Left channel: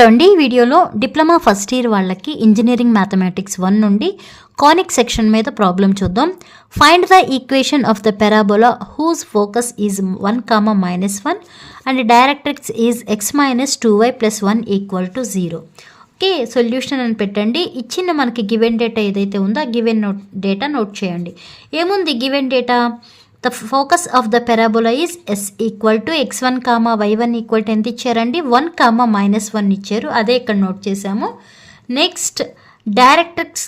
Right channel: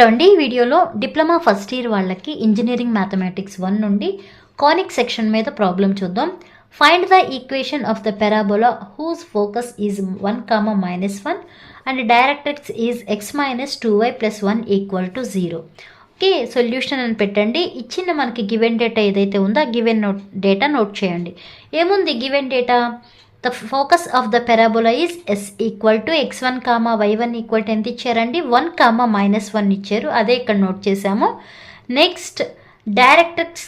ఈ వీడియోలో diploma first year వాళ్ళకి ఇంజనీరింగ్ మ్యాథమెటిక్స్ 1 నుండి కానిక్ సెక్షన్ మీద ప్రాబ్లం చూద్దాం. Find the equation of the parabola whose focus is 1, -1 and directrix is x - 2y + 1 = 0. Okay, solution అని పెట్టండి. ఇచ్చిన మనకి గివెన్ డేటా ఏదైతే ఉందో ఆ గివెన్ డేటా నోట్ చేయండి. ఏముంది given data? The focus of the parabola is s = x1, y1 = ఎంత ఇచ్చారండి? 1, -1 ఇచ్చారు. అదే ఇక్కడ నోట్ చేసాము. Next directrix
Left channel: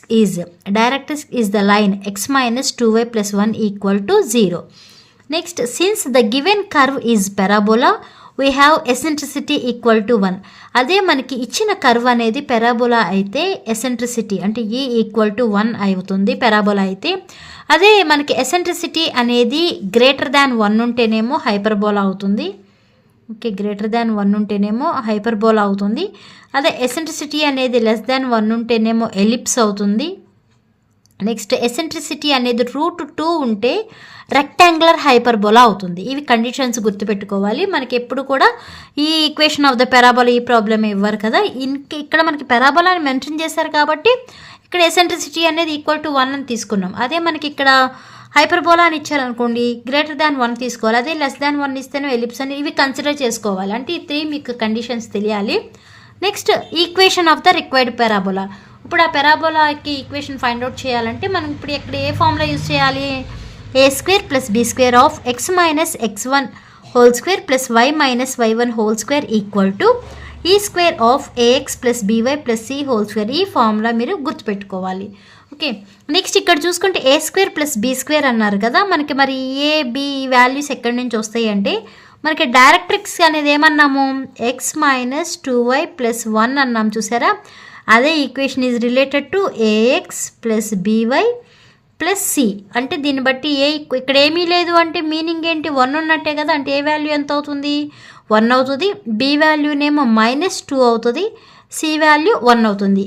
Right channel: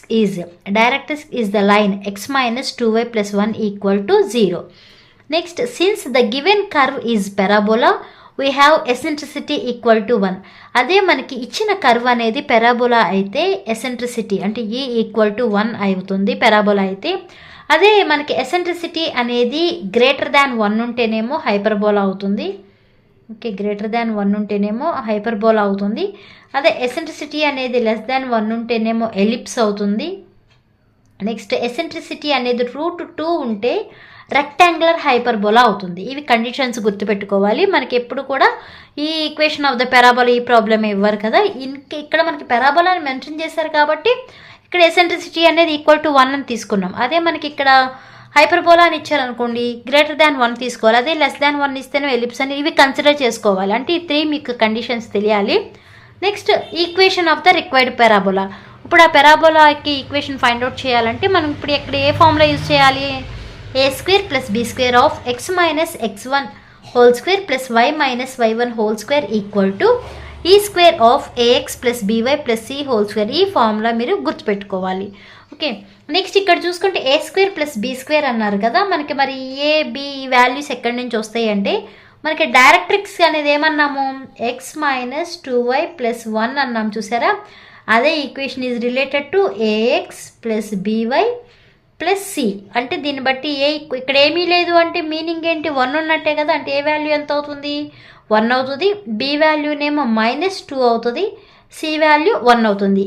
is the line x - 2y + 1 = 0. Next since the given curve is parabola we have eccentricity = 1. అదే మనకి ఇచ్చిన కర్వ్ అనేది పారాబోలా అయితే ఎసెంట్రిసిటీ అంటే e = 1 అవుతుంది పారాబోలా అయితే. అదే మనకి ఎసెంట్రిసిటీ అనేది >1 ఉంటేనేమో హైపర్బోలా అవుతుంది. ఓకే, >1 ఉంటేనేమో హైపర్బోలా అవుతుంది. అదే ఎసెంట్రిసిటీ అనేది <1 ఉంటేనేమో ఎలిప్స్ అవుతుంది. నెక్స్ట్ ఎసెంట్రిసిటీ అనేది √2 ఉంటే రెక్టాంగులర్ హైపర్బోలా అవుతుంది. ఇవి కండిషన్స్ గుర్తుపెట్టుకోవాలి. మనకి ఎప్పుడు కూడా ఈ ఈక్వేషన్ ఆఫ్ ద పారాబోలా ఈ ప్రాబ్లమ్ ఇవ్వరు కదా, ఇక్కడ మనకి పారాబోలా అని మెన్షన్ చేశారు కాబట్టి ఇక్కడ ఎసెంట్రిసిటీ అనేది =1 అని తీసుకున్నాం. అదే మనకి ఇక్కడ హైపర్బోలా అని ఇచ్చారనుకోండి >1 తీసుకోవాలి. అదే <1 ఇస్తేనే ఎలిప్స్ అని ఇవి కన్సిడర్ చేసుకోవాలి. అంటే ఈ 3 మీకు కండిషన్స్ తెలియాలి. Next equation of the required parabola. ఇప్పుడు ఆ పారాబోలాకి ఈక్వేషన్ ఫైండ్ అవుట్ చేయాలంటే మనం ఇప్పుడు ఇక్కడ ఏ ఫార్ములా యూజ్ చేయాలి? a² + b² of x - x1 whole square + y - y1 whole square = e² of ax + by + c whole square. ఈ ఫార్ములా మీరు గుర్తుపెట్టుకోవాలి. ఓకే, నెక్స్ట్ ఇక్కడ చూసుకుంటే a² + b² అన్నారు కదా, మనకి మరి ఏ బి వాల్యూస్ ఎక్కడి నుంచి వస్తాయి అంటే మనకి డైరెక్ట్రిక్స్ అనేది ఏమన్నాము? x - 2y + 1 అన్నాం చూసారా. అదే equation is related to ax + by + c. అంటే దీన్ని బట్టి ఇక్కడ ఏమీ లేదు అంటే మీనింగ్ ఏంటి? 1 ఉన్నట్టే కదా. అంటే ఏ వాల్యూ ఎంత అవుతుంది? 1 అవుతుంది. బి వాల్యూనేమో -2 అవుతుంది. సి వాల్యూ 1 అవుతుంది.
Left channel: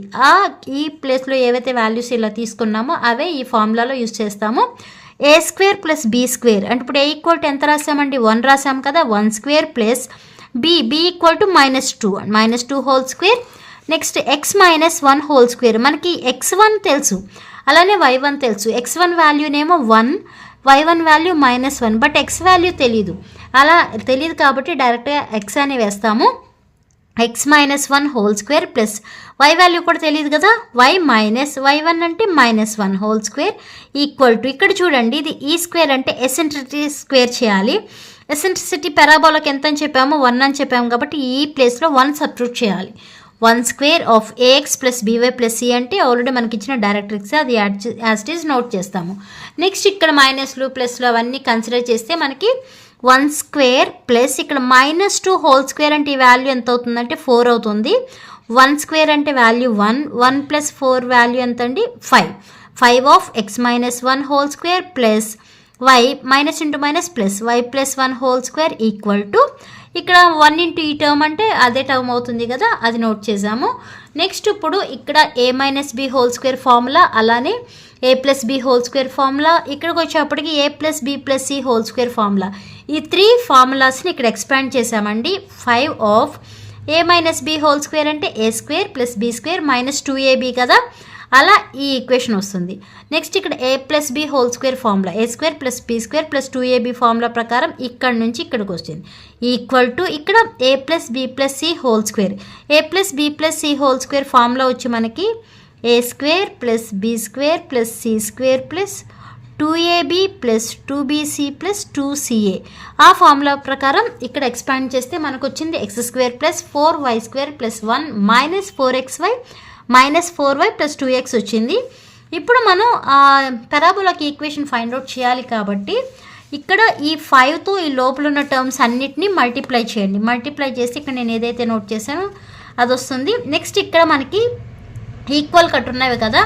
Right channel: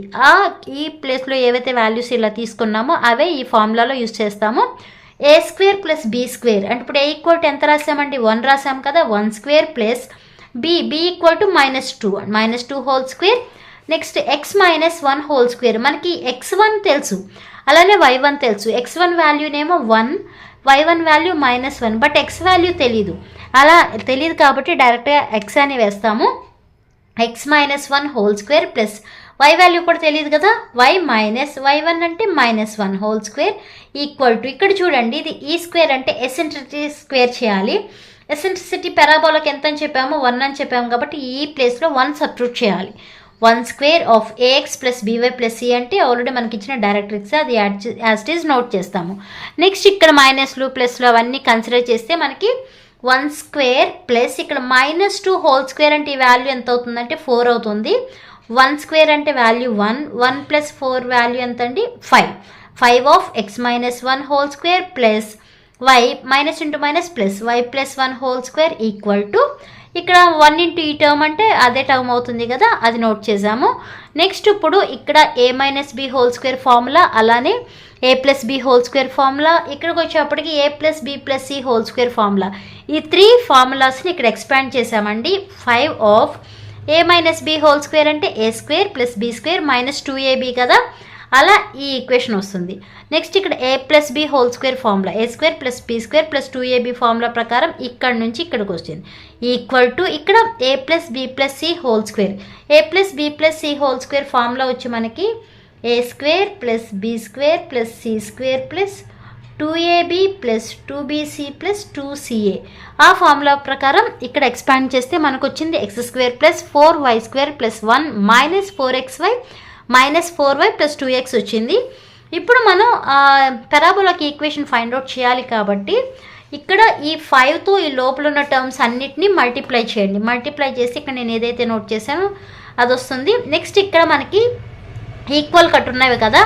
ఈ ప్లేస్లో ఏవైతే వాల్యూస్ ఇలా తీసుకున్నామో అవే ఈ ఫార్ములాలో యూజ్ చేస్తాము. a² + b² అంటే ఇప్పుడు a = ఎంత రాసామండి? 1 రాసాం కదా. 1² + b = -2 whole square. Next x - 1 whole square. మనకి x1 తెలుసు, అలానే y1 తెలుసు. x1 వాల్యూనేమో 1, y1 value -1, but x value తెలీదు. అలా తెలియదు కాబట్టి డైరెక్ట్గా x అని వేస్తాము. x - 1 whole square plus y value కూడా తెలియదు కదా, y1 అంటే -1 హోల్ స్క్వేర్ = ఇక్కడ చూడండి ఇది e² అంటే ఎసెంట్రిసిటీ స్క్వేర్ చేయాలి. ఎసెంట్రిసిటీ పారాబోలాకి ఎంత అని చెప్పాము? 1 అని చెప్పాము కాబట్టి ఈ ప్లేస్లో 1 సబ్స్టిట్యూట్ చేయాలి. 1² ఆఫ్ ax + by + c అంటే ఆల్రెడీ మనకి ఇచ్చిన డైరెక్ట్రిక్స్, అది యాజ్ ఇట్ ఈజ్ నోట్ చేస్తాము. నెక్స్ట్ ఇక్కడ మైనస్లు ప్లస్లు అవన్నీ కన్సిడర్ చేస్తే మనకి 1² ప్లస్ ఇక్కడ -2 హోల్ స్క్వేర్ అంటే ఈ వాల్యూ ఎంత అవుతుందంటే 4 అవుతుంది. 1² అంటే వాల్యూ 1, 1 + 4 వాల్యూ ఎంత అండి? 5 of x - 1 whole square plus y -* y + 1 whole square = ఇక్కడ 1 × ఈ టర్మ్ అంటే అదే టర్మ్ అవుతుంది కదా, అది నోట్ చేసాము. నెక్స్ట్ ఇప్పుడు ఇక్కడ a - b whole square formula, అలానే a + b whole square formula, ఇక్కడికి వచ్చేప్పటికి a + b + c whole square formula. ఈ 3 ఫార్ములాస్ని ఇక్కడ ఎక్స్పాండ్ చేసామండి. 5 of a - b whole square అంటే a² + b² - 2ab కదా, అలా ఈ ఈక్వేషన్ వస్తుంది. నెక్స్ట్ ఇక్కడ a + b whole square formula, a² + b² + 2ab formula ప్రకారం ఇక్కడ నుంచి ఇక్కడికి వస్తుంది = ఇక్కడ a + b + c whole square. a + b + c whole square formula వచ్చి మనకి a² + b² + c² + 2ab + 2bc + 2ca. ఆ ఫార్ములా ప్రకారం ఇక్కడ ఎక్స్పాండ్ చేస్తే మనకు వచ్చింది x² + 4y² + 1 - 4xy - 4y + 2x వచ్చింది. ఇప్పుడు మనం పారాబోలాకి ఈక్వేషన్ ఫైండ్ అవుట్ చేయాలి కాబట్టి ఇక్కడ ఈ 5తో ఈ లోపల ఉన్న టర్మ్స్ అన్నిటినీ మల్టిప్లై చేయండి. మల్టిప్లై చేసి ఇక్కడ నేను ఏదైతే నోట్ చేశానో అది వస్తుంది. నెక్స్ట్ ఇక్కడ మనకి ఈక్వల్ కట్ ఉన్నవి కదా,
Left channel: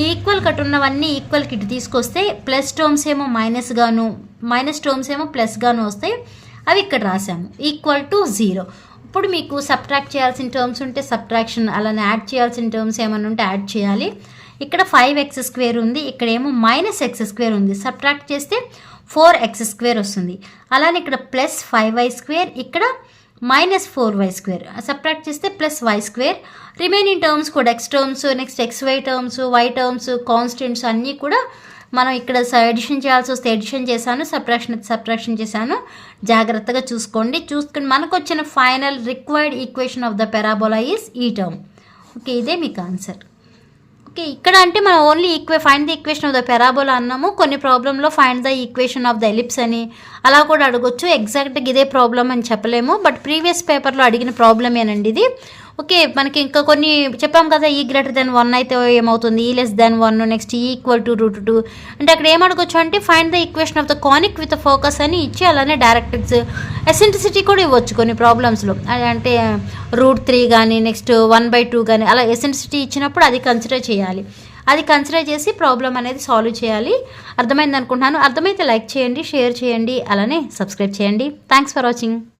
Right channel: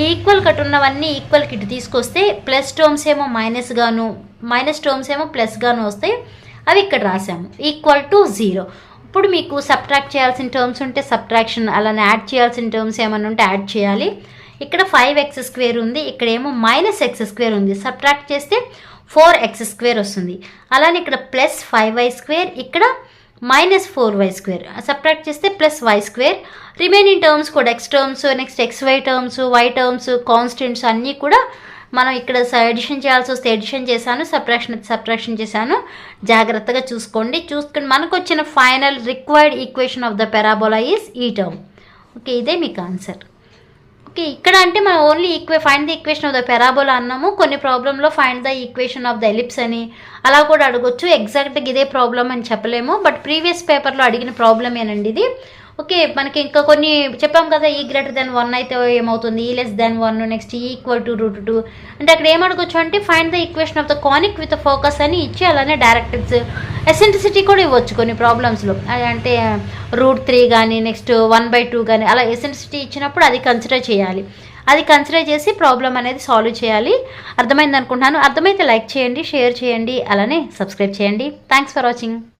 ఈ ఈక్వల్ కట్ ఉన్నవన్నీ ఈక్వల్ కిట్ తీసుకొస్తే ప్లస్ టర్మ్స్ ఏమో మైనస్ గాను, మైనస్ టర్మ్స్ ఏమో ప్లస్ గాను వస్తాయి. అవి ఇక్కడ రాసాము =0. ఇప్పుడు మీకు సబ్ట్రాక్ట్ చేయాల్సిన టర్మ్స్ ఉంటే సబ్ట్రాక్షన్, అలానే యాడ్ చేయాల్సిన టర్మ్స్ ఏమైనా ఉంటే యాడ్ చేయాలి. ఇక్కడ 5x² ఉంది, ఇక్కడేమో -x² ఉంది. సబ్ట్రాక్ట్ చేస్తే 4x² వస్తుంది. అలానే ఇక్కడ +5y², ఇక్కడ మైనస్ 4y². సబ్ట్రాక్ట్ చేస్తే +y². రిమైనింగ్ టర్మ్స్ కూడా x terms, next xy terms, y terms, constants అన్నీ కూడా మనం ఇక్కడ ఎడిషన్ చేయాల్సి వస్తే ఎడిషన్ చేశాను, సబ్ట్రాక్షన్ చేశాను. జాగ్రత్తగా చూసుకొని మనకు వచ్చిన final required equation of the parabola is ఈ టర్మ్. ఓకే, ఇదే మీకు ఆన్సర్. ఓకే, ఇక్కడ అంటే మనం only find the equation of the parabola అన్నాము. కొన్ని ప్రాబ్లంలో find the equation of the ellipse అని అలా కూడా అడగొచ్చు. ఎగ్జాక్ట్గా ఇదే ప్రాబ్లం అని చెప్పలేము, బట్ ప్రీవియస్ పేపర్లో అడిగిన ప్రాబ్లమేనండి ఇది. ఓకే, మనకి ఇంకా కొన్ని చెప్పాం కదా, E>1 అయితే ఏమవుతుంది, E<1, నెక్స్ట్ E=√2 అంటే అక్కడ ఏమడగొచ్చు అంటే find the equation of the conic with focus అని ఇచ్చి అలానే డైరెక్ట్రిక్స్ ఎసెంట్రిసిటీ కూడా ఇవ్వచ్చు కొన్ని ప్రాబ్లమ్స్లో. అంటే √3 కానీ నెక్స్ట్ 1/2 కానీ అలా ఎసెంట్రిసిటీ ఇచ్చినప్పుడు అది కన్సిడర్ చేయాలి. అది కన్సిడర్ చేసి ప్రాబ్లం అనేది సాల్వ్ చేయాలి. అర్థమైంది అనుకుంటున్నాను. అర్థమైతే లైక్ చేయండి, షేర్ చేయండి, అలానే సబ్స్క్రైబ్ చేయండి. Thanks for watching.